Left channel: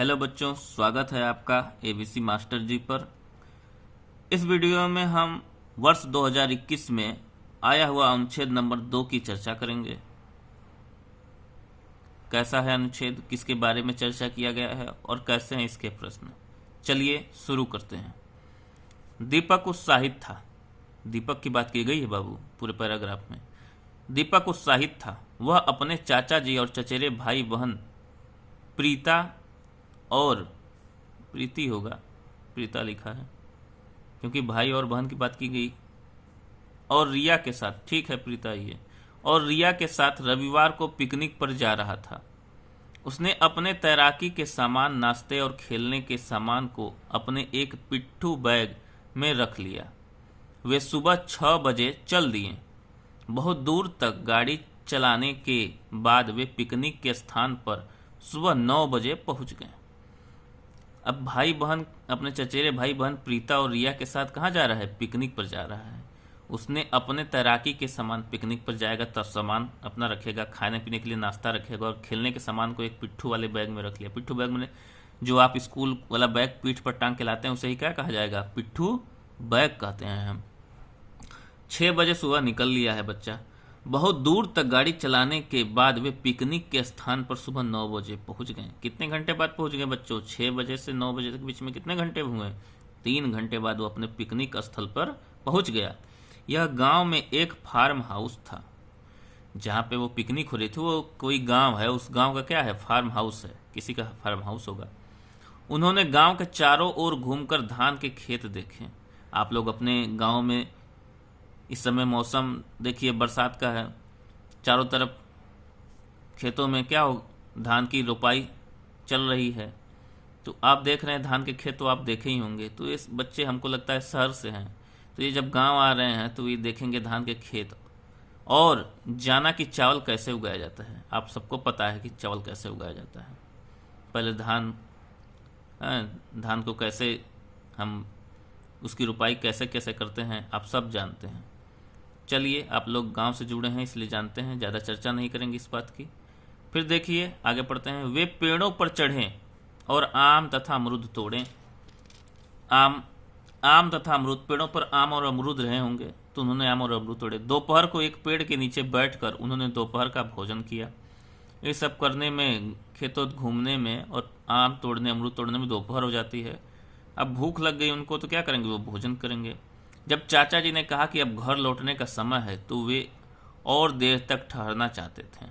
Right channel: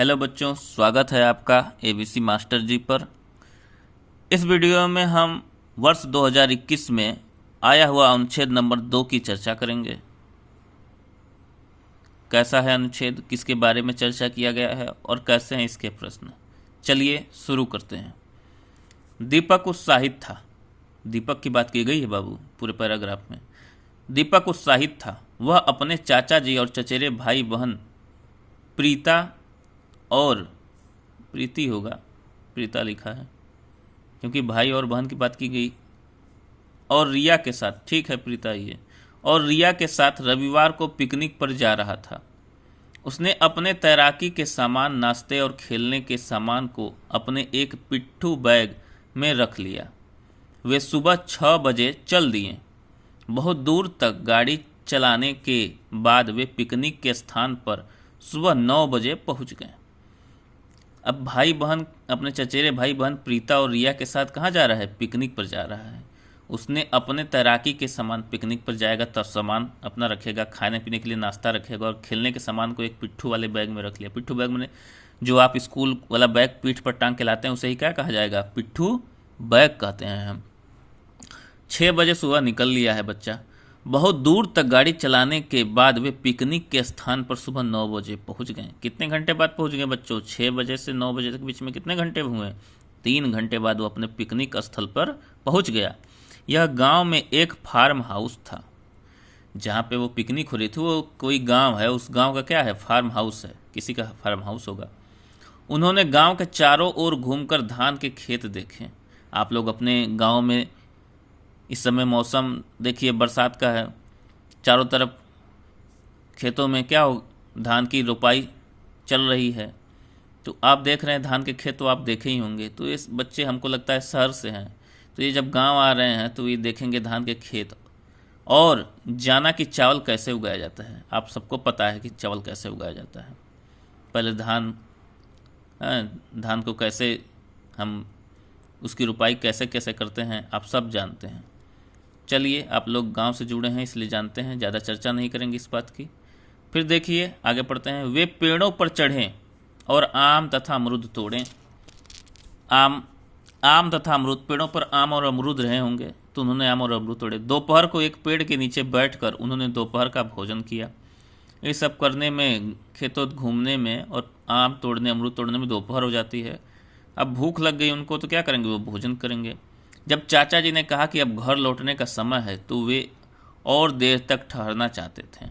Hello बच्चों, स्वागत है आपका एबीसी मास्टर जी पर। इस वीडियो में हम वर्ष 2021 में आया हुआ अनुच्छेद नंबर 2 की चर्चा करेंगे। कैसा है अनुच्छेद, किसके बारे में चर्चा किया गया है और कैसे हैं इसके प्रश्न। चलिए शुरू करते हैं। दीपक उत्साहित था। दीपक की बात की गई है बाबू पूरे पैराग्राफ में। दीपक उत्साहित था। वह अपने चाचा जी और चचेरे भाई बहन प्रीता और प्रीति होगा, प्रीता लिखा है क्योंकि भाई और बहन की बात की गई, और रिया के साथ, ठीक है प्रीता ही है, और रिया के साथ रविवार को पिकनिक पर जा रहा था। उसने अपने तैराकी के सामान, नाश्ते और खेलने के सामान को अपने एक पिट्ठू बैग में रख लिया। वे सुबह 6 बजे चल दिए। बहुत दूर तक गाड़ी चलाने के बाद वे पिकनिक के स्थान पर सुबह 9 बजे पहुंच गए। अब भाई बहन, अपने चचेरे भाई बहन प्रीता और रिया के साथ कहाँ जा रहा है? पिकनिक पर जा रहा है। उसने अपने तैराकी के सामान, पिकनिक पर जाएगा तो सामान अपना रखेगा, खाने पीने के लिए नाश्ता रखेगा, और खेलने के सामान को एक पिट्ठू वाले बैग में रख लिया। पिट्ठू बैग में जो आप स्कूल वाला बैग पीठ पर टांग के लाते हैं उसे ही क्या कहा जाएगा? पिट्ठू बैग कहते हैं हम। 6 बजे सुबह निकल लिया है बच्चा। बहुत दूर तक गाड़ी चलाने के बाद वे पिकनिक के स्थान पर सुबह 9 बजे पहुंच गए। कितने घंटे बाद पहुंच गए बच्चों? 6 बजे से 9 बजे तक बीच में कितने घंटे हुए? 3 घंटे बाद वो अपने पिकनिक स्थल पर पहुंच गया। यह गांव में एक फार्म हाउस था। जहाँ पे वो पिकनिक हो रही थी वो कोई गांव है, उस गांव का क्या है? फार्म हाउस है, किसी का फार्म हाउस होगा। उन्होंने गांव के चारों ओर घूमकर धान के खेत देखे। आप लोग अपने गांव में इस समय मौसम देखिए, बरसात का है, चारों तरफ खेतों में क्या हो, धान की रोपाई चल रही है। तो आप देख रहे हैं धान के खेत, तो आप देखे ही होंगे। तो ये बच्चे हमको लगता है शहर से हैं, तो ये जब गांव आ रहे हैं तो ये देखेंगे धान के खेत, और जाना कि चावल कैसे उगाया जाता है। आप सबको पता है कि चावल कैसे उगाया जाता है। पहले धान को कैसे हम, उसकी रोपाई कैसे कैसे करते हैं, आप सब जानते हैं। चलिए, आप लोग गांव से जुड़े हैं इसलिए जानते हैं, ज़्यादा चर्चा नहीं करेंगे इस बात की। फिर देखिए आगे पढ़ते हैं। वे पेड़ों पर चढ़े और आम तथा अमरूद तोड़ें। आम तथा अमरूद, पेड़ों पर आम और अमरूद रहे होंगे तो उन्होंने आम और अमरूद तोड़े। दोपहर को एक पेड़ के नीचे बैठकर उन्होंने दोपहर का भोजन किया। ये सब करने में, खेतों घूमने में और आम तोड़ने, अमरूद तोड़ने में दोपहर हो जाती है। अब भूख लग गई उनको तो क्या करेंगे? वो भोजन करेंगे। जब चाचा जी ने कहा कि अब घर लौटने का समय है तो वे और देर तक ठहरना चाहते थे,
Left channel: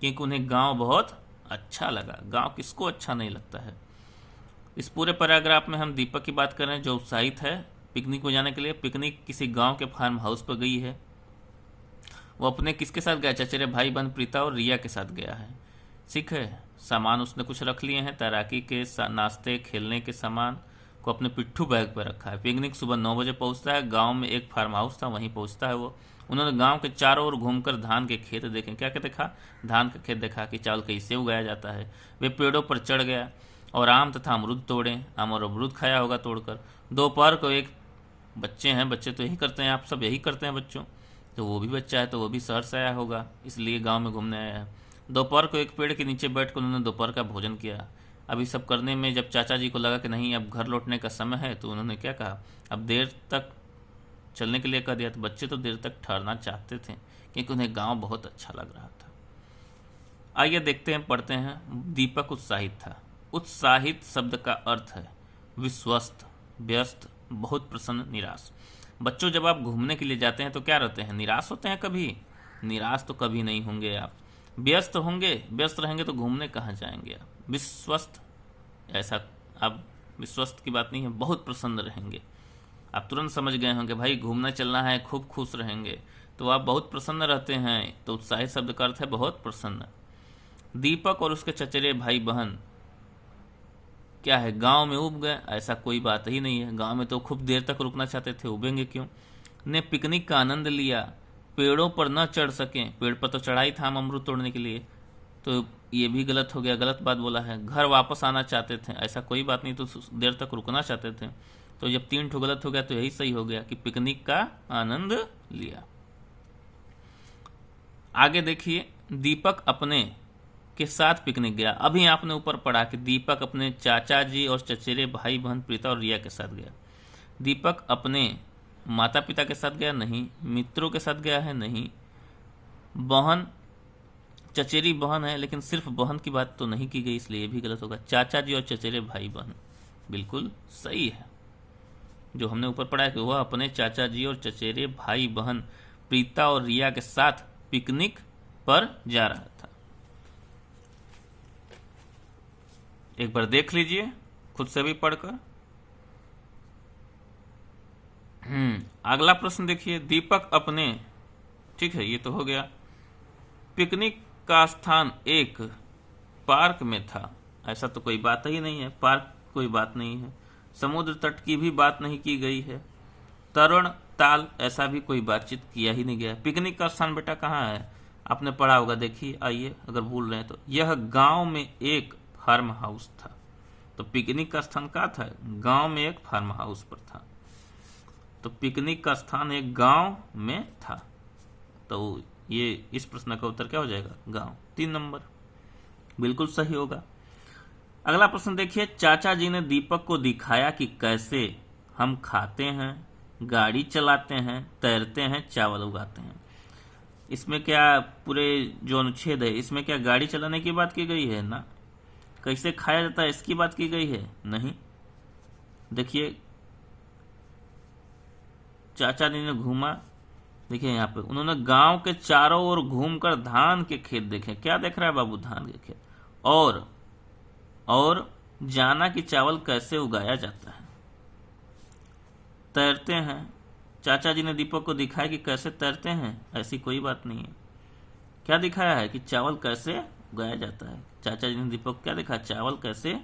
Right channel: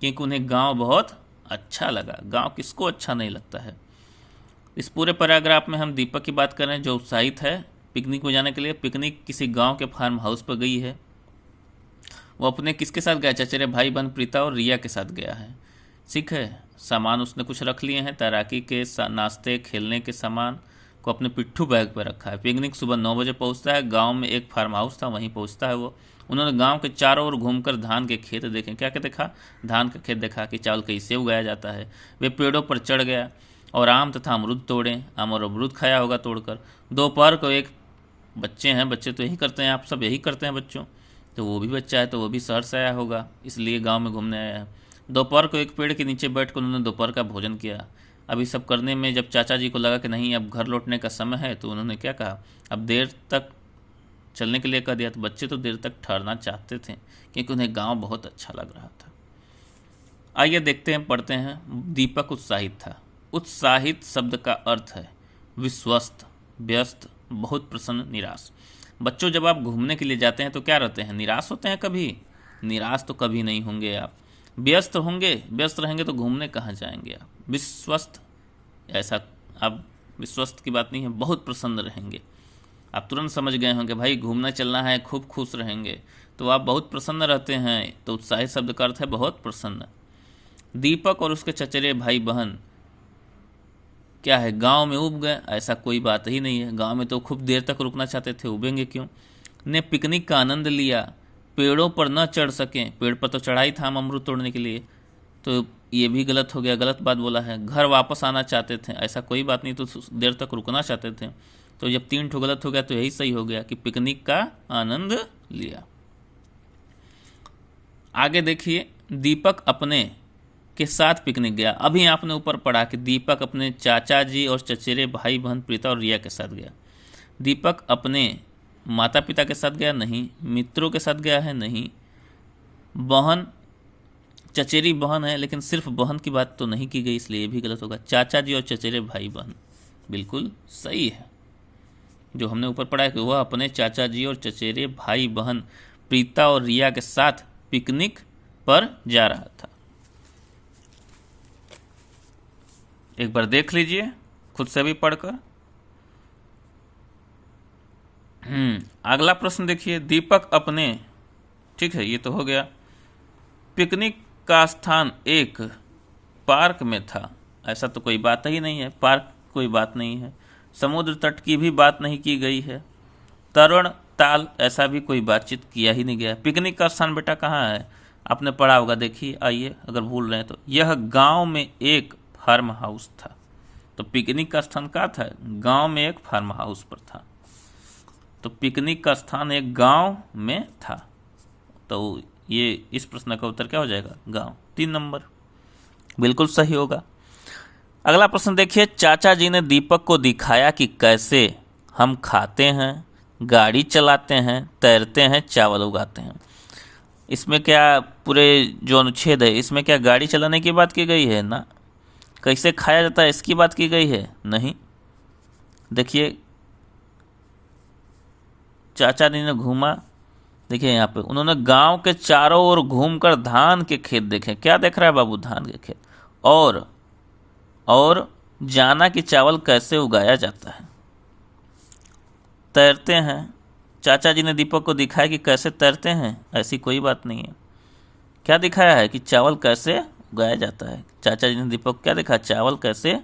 क्योंकि उन्हें गांव बहुत अच्छा लगा। गांव किसको अच्छा नहीं लगता है? इस पूरे पैराग्राफ में हम दीपक की बात कर रहे हैं जो उत्साहित है पिकनिक में जाने के लिए। पिकनिक किसी गांव के फार्म हाउस पर गई है। वो अपने किसके साथ गया? चचेरे भाई बहन प्रीता और रिया के साथ गया है। ठीक है, सामान उसने कुछ रख लिए हैं, तैराकी के नाश्ते, खेलने के सामान को अपने पिट्ठू बैग पर रखा है। पिकनिक सुबह 9 बजे पहुंचता है। गांव में एक फार्म हाउस था, वहीं पहुंचता है वो। उन्होंने गांव के चारों ओर घूमकर धान के खेत देखे। क्या क्या देखा? धान का खेत देखा कि चावल कैसे उगाया जाता है। वे पेड़ों पर चढ़ गया और आम तथा अमरूद तोड़े। आम और अमरूद खाया होगा तोड़कर। दोपहर को एक, बच्चे हैं, बच्चे तो यही करते हैं, आप सब यही करते हैं बच्चों, तो वो भी बच्चा है तो वो भी शहर से आया होगा, इसलिए गाँव में घूमने आया है। दोपहर को एक पेड़ के नीचे बैठकर उन्होंने दोपहर का भोजन किया। अब इस सब करने में जब चाचा जी को लगा कि नहीं अब घर लौटने का समय है तो उन्होंने क्या कहा? अब देर तक चलने के लिए कह दिया। तो बच्चे तो देर तक ठहरना चाहते थे क्योंकि उन्हें गांव बहुत अच्छा लग रहा था। आइए देखते हैं, पढ़ते हैं। दीपक उत्साहित था। उत्साहित शब्द का अर्थ है विश्वस्त, व्यस्त, बहुत प्रसन्न, निराश। बच्चों, जब आप घूमने के लिए जाते हैं तो क्या रहते हैं? निराश होते हैं कभी? निराश तो कभी नहीं होंगे आप। व्यस्त होंगे, व्यस्त रहेंगे तो घूमने कहाँ जाएंगे आप? विश्वस्त, ऐसा आप, विश्वस्त की बात नहीं है, बहुत प्रसन्न रहेंगे। आप तुरंत समझ गए होंगे भाई घूमना चलना है, खूब खुश रहेंगे, तो आप बहुत प्रसन्न रहते हैं। तो उत्साहित शब्द का अर्थ है बहुत प्रसन्न। दीपक और उसके चचेरे भाई बहन क्या है? गांव में उब गए? ऐसा कोई बात ही नहीं है। गांव में तो खूब देर तक रुकना चाहते थे, उबेंगे क्यों? ने पिकनिक का आनंद लिया। पेड़ों पर न चढ़ सकें, पेड़ पर तो चढ़ाई था अमरूद तोड़ने के लिए, तो ये भी गलत हो गया, गलत बात बोला है। घर वापस आना चाहते थे, ऐसा कोई बात नहीं, तो देर तक रुकना चाहते थे। तो जब 3 ठो गलत हो गया तो यही सही हो गया कि पिकनिक का आनंद लिया। आगे देखिए, दीपक अपने के साथ पिकनिक गया। अभी आपने ऊपर पढ़ा कि दीपक अपने चाचा जी और चचेरे भाई बहन प्रीता और रिया के साथ गया। दीपक अपने माता पिता के साथ गया, नहीं। मित्रों के साथ गया है, नहीं। बहन, चचेरी बहन है लेकिन सिर्फ बहन की बात तो नहीं की गई, इसलिए ये भी गलत होगा। चाचा जी और चचेरे भाई बहन बिल्कुल सही है। जो हमने ऊपर पढ़ा है कि वह अपने चाचा जी और चचेरे भाई बहन प्रीता और रिया के साथ पिकनिक पर जा रहा था। एक बार देख लीजिए खुद से भी पढ़कर। अगला प्रश्न देखिए, दीपक अपने, ठीक है ये तो हो गया, पिकनिक का स्थान एक पार्क में था। ऐसा तो कोई बात ही नहीं है, पार्क कोई बात नहीं है। समुद्र तट की भी बात नहीं की गई है। तरण ताल, ऐसा भी कोई बातचीत किया ही नहीं गया। पिकनिक का स्थान बेटा कहाँ है, आपने पढ़ा होगा, देखिए आइए अगर भूल रहे हैं तो। यह गांव में एक फार्म हाउस था। तो पिकनिक का स्थान कहाँ था, गांव में एक फार्म हाउस पर था। तो पिकनिक का स्थान एक गांव में था। तो ये इस प्रश्न का उत्तर क्या हो जाएगा, गांव। 3 नंबर बिल्कुल सही होगा। अगला प्रश्न देखिए, चाचा जी ने दीपक को दिखाया कि कैसे हम खाते हैं, गाड़ी चलाते हैं, तैरते हैं, चावल उगाते हैं। इसमें क्या पूरे जो अनुच्छेद है इसमें क्या गाड़ी चलाने की बात की गई है ना, कैसे खाया जाता है इसकी बात की गई है, नहीं। देखिए चाचा जी ने घूमा, देखिए यहाँ पे उन्होंने गांव के चारों ओर घूमकर धान के खेत देखे। क्या देख रहा है बाबू, धान के खेत। और जाना कि चावल कैसे उगाया जाता है। तैरते हैं, चाचा जी ने दीपक को दिखाया कि कैसे तैरते हैं, ऐसी कोई बात नहीं है। क्या दिखाया है कि चावल कैसे उगाया जाता है। चाचा जी ने दीपक को क्या दिखाया, चावल कैसे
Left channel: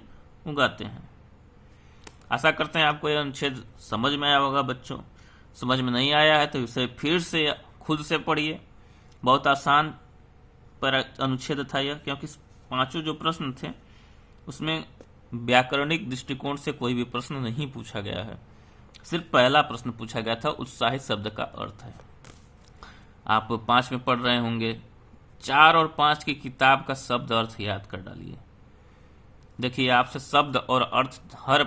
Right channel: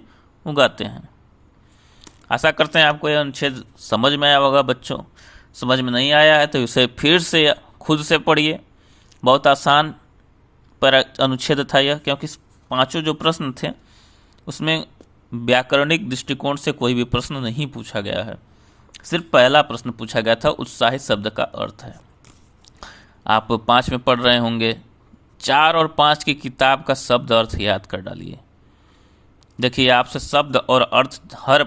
उगाते हैं। आशा करते हैं आपको यह अनुच्छेद समझ में आया होगा बच्चों। समझ में नहीं आया है तो इसे फिर से खुद से पढ़िए। बहुत आसान पर अनुच्छेद था यह, क्योंकि 5 जो प्रश्न थे उसमें व्याकरणिक दृष्टिकोण से कोई भी प्रश्न नहीं पूछा गया है। सिर्फ पहला प्रश्न पूछा गया था, उत्साहित शब्द का अर्थ है। आप 5 में पढ़ रहे होंगे, 4 और 5 की किताब का शब्द अर्थ याद कर डालिए। देखिए आपसे शब्द और अर्थ हर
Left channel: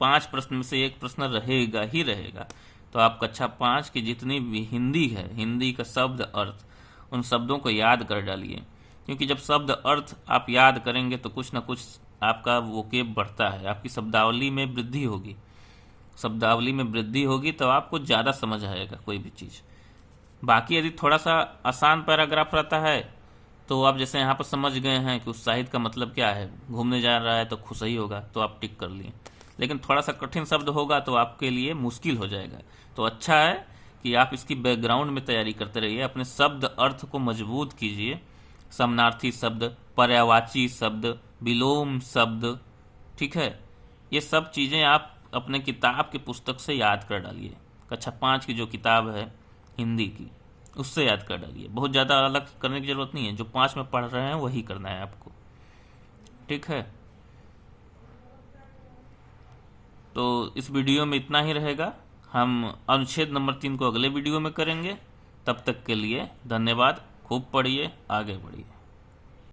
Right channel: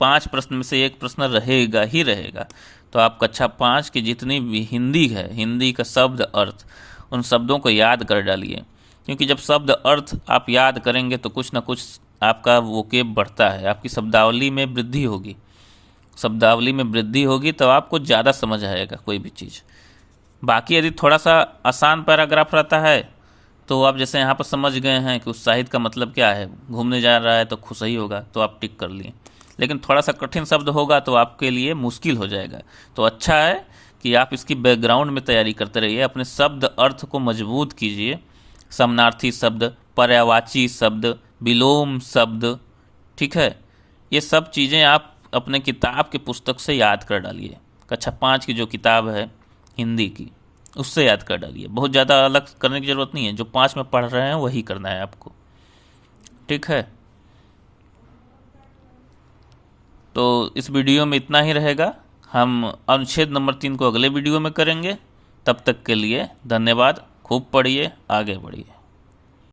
5 प्रश्न में से एक प्रश्न रहेगा ही रहेगा। तो आप कक्षा 5 की जितनी भी हिंदी है, हिंदी का शब्द अर्थ, उन शब्दों को याद कर डालिए। क्योंकि जब शब्द अर्थ आप याद करेंगे तो कुछ ना कुछ आपका वोकेब बढ़ता है, आपकी शब्दावली में वृद्धि होगी। शब्दावली में वृद्धि होगी तो आपको ज़्यादा समझ आएगा कोई भी चीज़। बाकी यदि थोड़ा सा आसान पैराग्राफ रहता है तो आप जैसे यहाँ पर समझ गए हैं कि उत्साहित का मतलब क्या है, घूमने जा रहा है तो खुश ही होगा, तो आप टिक कर लिए। लेकिन थोड़ा सा कठिन शब्द होगा तो आपके लिए मुश्किल हो जाएगा। तो अच्छा है कि आप इसकी बैकग्राउंड में तैयारी करते रहिए, अपने शब्द अर्थ को मजबूत कीजिए। समानार्थी शब्द, पर्यायवाची शब्द, विलोम शब्द, ठीक है, ये सब चीज़ें आप अपने किताब के पुस्तक से याद कर डालिए। कक्षा 5 की जो किताब है हिंदी की, उससे याद कर डालिए। बहुत ज़्यादा अलग करने की ज़रूरत नहीं है, जो 5 में पढ़ रहे हैं वही करना है आपको, ठीक है। तो इस वीडियो में इतना ही रहेगा। हम अनुच्छेद नंबर 3 को अगले वीडियो में करेंगे। तब तक के लिए धन्यवाद। खूब पढ़िए, आगे बढ़िए।